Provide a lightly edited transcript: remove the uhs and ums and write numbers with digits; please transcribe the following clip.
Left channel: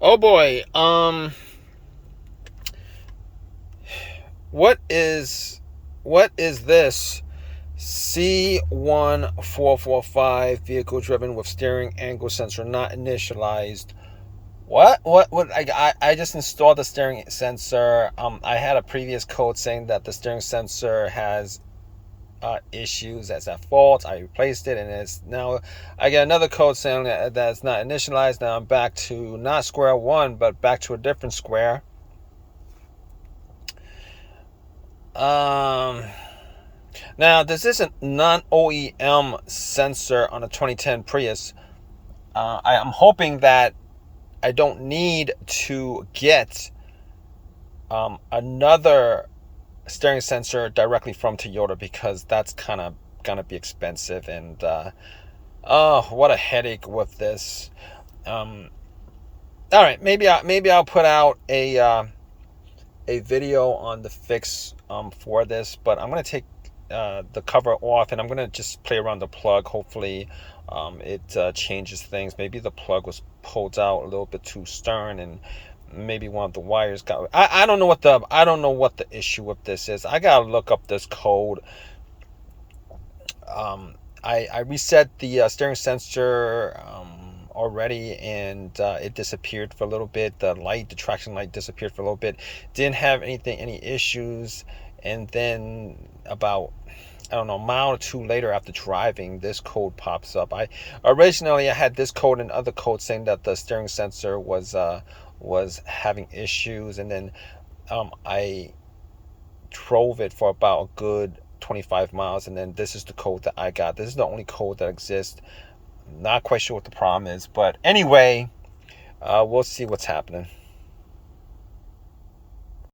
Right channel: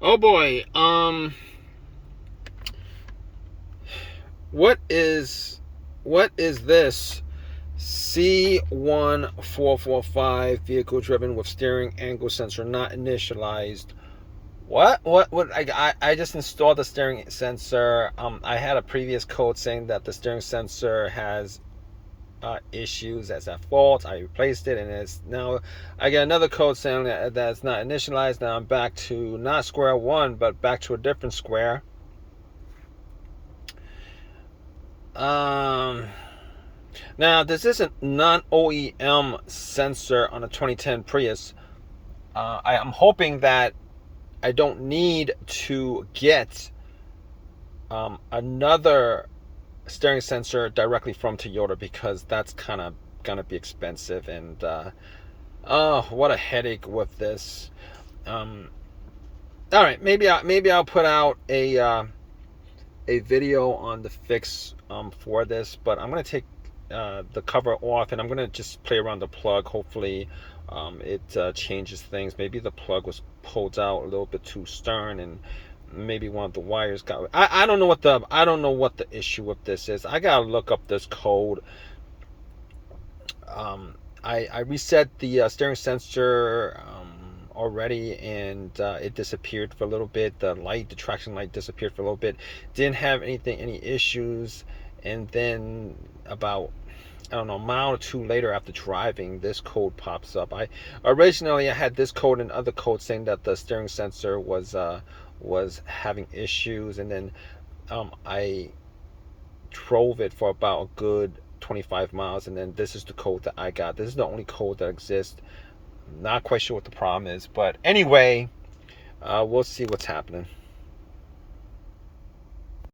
Oh boy. What is what is this? C1445 vehicle driven with steering angle sensor not initialized. What I just installed the steering sensor. I had a previous code saying that the steering sensor has issues, that's at fault. I replaced it, and it's now I get another code saying that it's not initialized. Now I'm back to not square one, but back to a different square. Um, Now this is a non-OEM sensor on a 2010 Prius. I am hoping that I don't need to get another steering sensor directly from Toyota, because that's kind of gonna be expensive, and oh, what a headache with this. Um, all right, maybe I'll put out a video on the fix for this, but I'm gonna take the cover off, and I'm gonna just play around the plug. Hopefully, it changes things. Maybe the plug was pulled out a little bit too stern, and maybe one of the wires got. I don't know what the issue with this is. I gotta look up this code. I reset the steering sensor already, and it disappeared for a little bit. The traction light disappeared for a little bit. Didn't have any issues, and then about, I don't know, a mile or two later after driving, this code pops up. I had this code and other codes saying that the steering sensor was having issues, and then I drove it for about a good 25 miles, and then this is the code that I got. This is the only code that exists. Not quite sure what the problem is, but anyway, we'll see what's happening.